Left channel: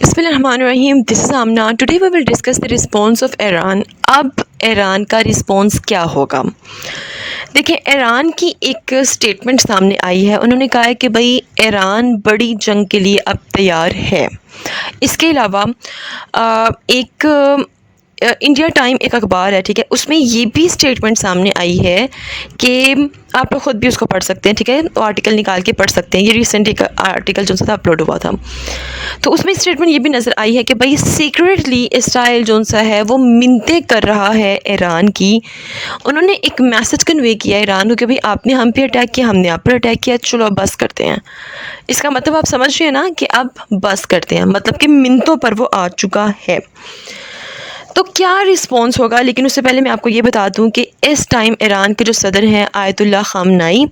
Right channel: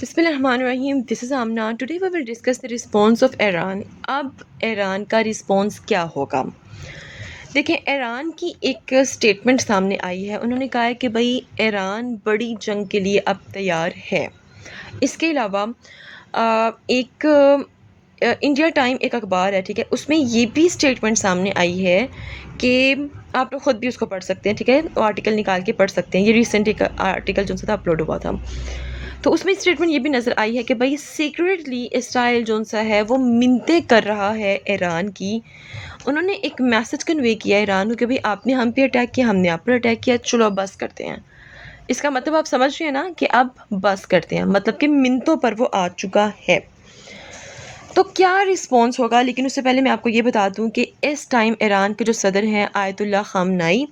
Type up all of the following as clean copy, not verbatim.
بسم اللہ الرحمن الرحیم. This is Amna. Today we will discuss the response of Iran. اب ایران کا رسپانس کیا ہوگا؟ دیکھیں، ایران کی ایک سٹیٹمنٹ سامنے آئی ہے. انہوں نے کہا ہے کہ بھئی ایران بڑی جنگ کے لیے اب تیار ہے. اس کے علاوہ ایک انڈیا ٹائم ایک اخبار ہے، ٹھیک ہے، اس میں یہ بھی سٹیٹمنٹ سامنے آئی ہے کہ آپ لوگ خود بھی اس کو پڑھ سکتے ہیں، ٹھیک ہے، آرٹیکل نکال کے پڑھ سکتے ہیں. یہ ریسنٹ ایک آرٹیکل جو سا اپلوڈ ہوا تھا، تو اس میں اسٹیٹمنٹ یہ بھی نظر آئی ہے کہ بھائی سیکریٹلی اسرائیل جو سا ہے وہ منتیں کر رہا ہے ایران کی. انہوں نے ایک میسج کنوے کیا ایران کو کہ بھائی آپ نے ہم پہ اٹیک کیا، ہم نے آپ پر اٹیک کیا، چلو اب بس کرتے ہیں. اس کا مطلب آپ سمجھ رہے ہیں نا کہ اب بس کرتے ہیں، مطلب کہ منتوں پر وہ آ چکا ہے. تو کیا رسپانس ہوگا؟ لیکن اس سے پہلے میں آپ کو یہ بتا دوں کہ اس ٹائم ایران کے جو صدر ہیں آیت اللہ خامنائی،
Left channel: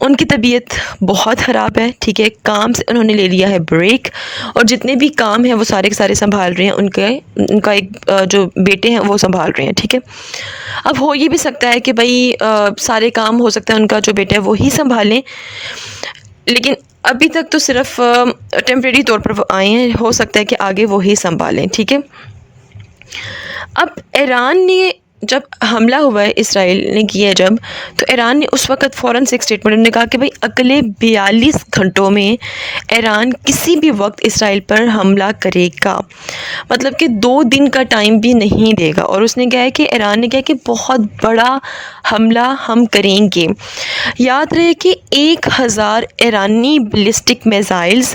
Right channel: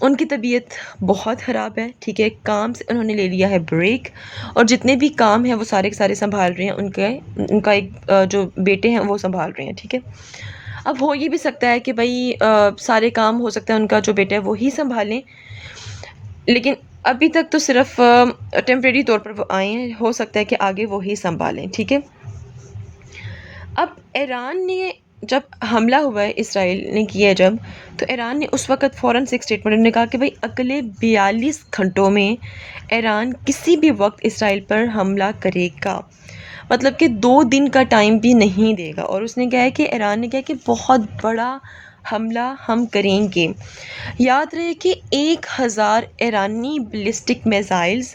ان کی طبیعت بہت خراب ہے، ٹھیک ہے. کام سے انہوں نے لے لیا ہے بریک، اور جتنے بھی کام ہیں وہ سارے کے سارے سنبھال رہے ہیں. ان کا ایک جو بیٹے ہیں وہ سنبھال رہے ہیں، ٹھیک ہے. اب ہو یہ بھی سکتا ہے کہ بھائی سارے کام ہو سکتا ہے ان کا جو بیٹا ہے وہی سنبھالیں، لیکن ابھی تک تو صرف ٹیمپریری طور پر وہ آئے ہیں. ہو سکتا ہے کہ آگے وہی سنبھالیں، ٹھیک ہے. اب ایران نے جب حملہ ہوا ہے، اسرائیل نے کیا ہے جب، تو ایران نے اس وقت فوراً سے ایک اسٹیٹمنٹ نے کہا کہ بھائی اگلے 42 گھنٹوں میں ایران کسی بھی وقت اسرائیل پر حملہ کرے گا، مطلب کہ 2 دن کا ٹائم بھی نہیں دے گا. اور اس نے کہا ہے کہ ایران نے کہا کہ بہت بڑا حملہ ہم کریں گے. یاد رہے کہ 1000 ایرانی بیلسٹک میزائلز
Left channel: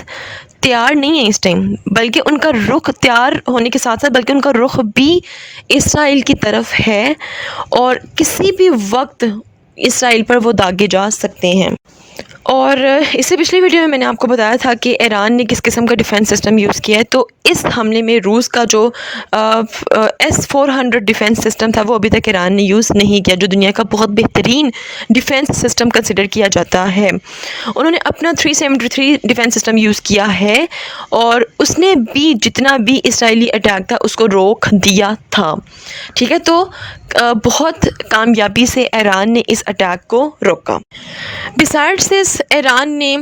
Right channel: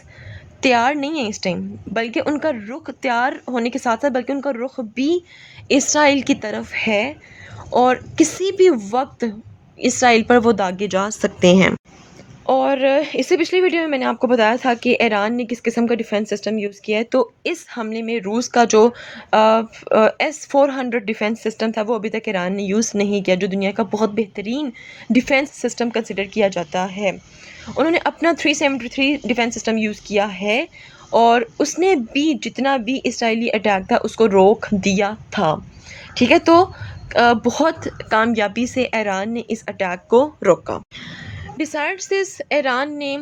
تیار نہیں ہیں اس ٹائم، بلکہ ان کا رخ تیار ہونے کے ساتھ ساتھ بلکہ ان کا رخ بھی اسرائیل کی طرف ہے، اور کسی بھی وقت اسرائیل پر وہ داغے جا سکتے ہیں. اور اس سے پچھلی ویڈیو میں میں نے آپ کو بتایا تھا کہ ایران نے کس قسم کا ڈیفینس سسٹم یوز کیا ہے. تو اس حملے میں روس کا جو S-400 ڈیفینس سسٹم تھا وہ ابھی تک ایران نے یوز نہیں کیا، جو دنیا کا بہت بہترین ڈیفینس سسٹم کنسیڈر کیا جاتا ہے. انہوں نے اپنا 373 ڈیفینس سسٹم یوز کیا ہے، اور اس نے بھی جتنا بھی اسرائیلی اٹیک تھا اس کو روک دیا تھا، ٹھیک ہے. تو بہت کامیابی سے ایران نے اس اٹیک کو روکا. بسائڈس دس، ایران نے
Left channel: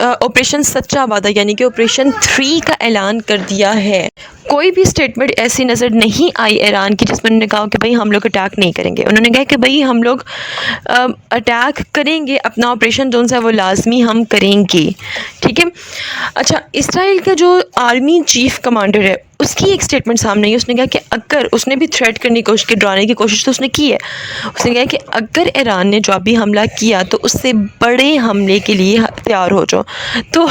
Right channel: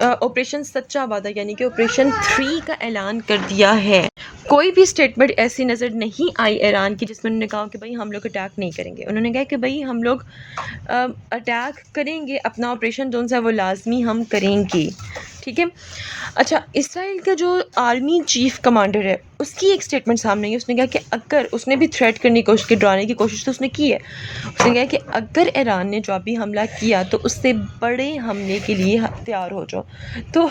آپریشن سچا وعدہ یعنی کہ آپریشن 3 کا اعلان کر دیا ہے. کوئی بھی اسٹیٹمنٹ ایسی نظر نہیں آئی ایران کی جس میں انہوں نے کہا کہ بھئی ہم لوگ اٹیک نہیں کریں گے. انہوں نے کہا کہ بھئی ہم لوگ اٹیک کریں گے، اپنا آپریشن جو ہے وہ لازمی ہم کریں گے، ٹھیک ہے. اچھا، اسرائیل کا جو آرمی چیف کمانڈر ہے اس کی ایک اسٹیٹمنٹ سامنے آئی. اس نے کہا کہ اگر اس نے بھی تھریٹ کرنے کی کوشش کی، ڈرانے کی کوشش تو اس نے کی ہے. اس نے کہا کہ اگر ایران نے جو بھی حملہ کیا تو اس سے بڑے حملے کے لیے تیار ہو جاؤ. تو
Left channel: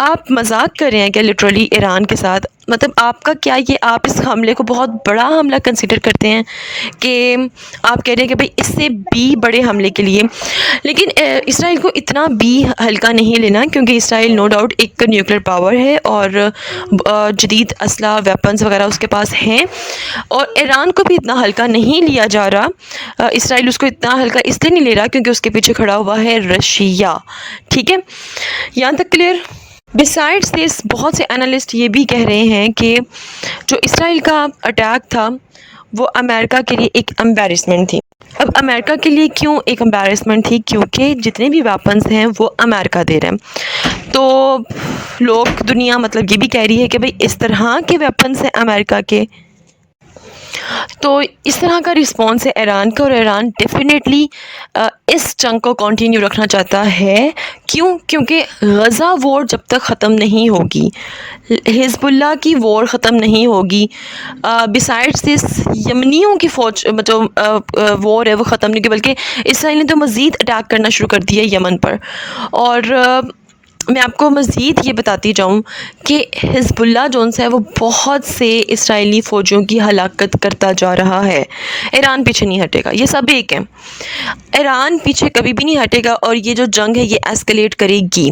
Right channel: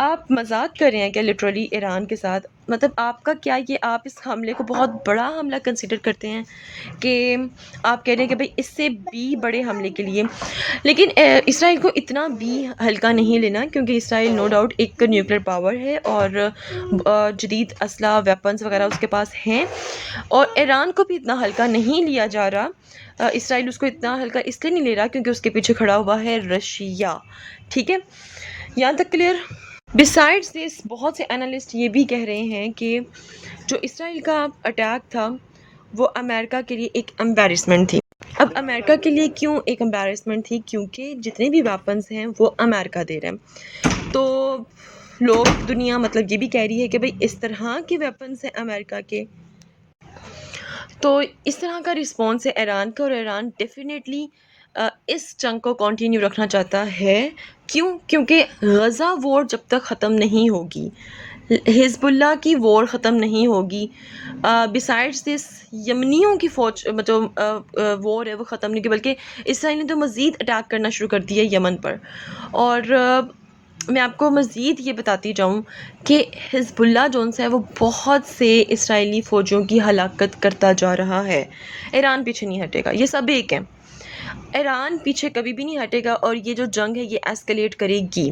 آپ مذاق کر رہے ہیں کیا لٹرلی ایران کے ساتھ؟ مطلب آپ کا کیا یہ آپ اس حملے کو بہت بڑا حملہ کنسیڈر کرتے ہیں کہ آپ کہہ رہے ہیں کہ بھئی اس سے بھی بڑے حملے کے لیے؟ لیکن اسرائیل کو اتنا بھی ہلکا نہیں لینا، کیونکہ اسرائیل نو ڈاؤٹ ایک نیوکلیر پاور ہے اور جدید اسلحہ ویپنز وغیرہ اس کے پاس ہیں، اور ایران کو بھی اتنا ہلکا نہیں لیا جا رہا. اسرائیل اس کو اتنا ہلکا اس لیے نہیں لے رہا کیونکہ اس کے پیچھے کھڑا ہوا ہے رشیا، ٹھیک ہے. یہاں تک کلیئر؟ بسائڈس دس، بہت سے انالسٹ یہ بھی کہہ رہے ہیں کہ جو اسرائیل کا اٹیک تھا وہ امریکہ کے لیے ایک امبیرسمنٹ تھی. اب امریکہ کے لیے کیوں ایک امبیرسمنٹ تھی؟ کیونکہ جتنے بھی ویپنز ہیں وہ امریکہ دے رہے ہیں. تو لوگ دنیا مطلب یہ بھی کہہ رہی ہے کہ بھئی اس طرح کے ویپنز ہیں امریکہ کے، تو اس طرح کا رسپانس ہے ایران کا. اور ایران ڈیفینیٹلی اس جنگ کو کنٹینیو رکھنا چاہتا ہے. کیوں؟ کیونکہ غزہ وار جب تک ختم نہیں ہوگی، حزب اللہ کی وار ختم نہیں ہوگی، بسائڈس دس یمنیوں کی فوج جو وار ہے وہ ختم نہیں ہوگی، بلکہ اسرائیل نے تو مزید اٹیک کرنا شروع کر دیا یمن پر. اور میں آپ کو مزید یہ بتاتی جاؤں کہ حزب اللہ جونس ہے وہ بہت سے اسرائیلی فوجیوں کی ہلاکت کرتا جا رہا ہے. ایران پیچھے نہیں ہٹے گا، یہ سب ایک ہیں. ایران پیچھے کبھی بھی نہیں ہٹے گا، اور یہ جو جنگ ہے یہ ایسکلیٹ کرے گی.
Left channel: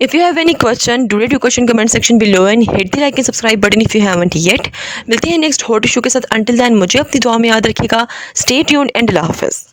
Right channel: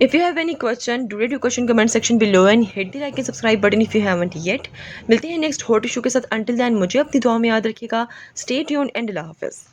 If you have any question, do write your question comment section below and hit the like and subscribe button if you haven't yet. ملتے ہیں نیکسٹ ہاٹ ایشو کے ساتھ. Until then مجھے اپنی دعا میں یاد رکھیے گا. Stay tuned and اللہ حافظ.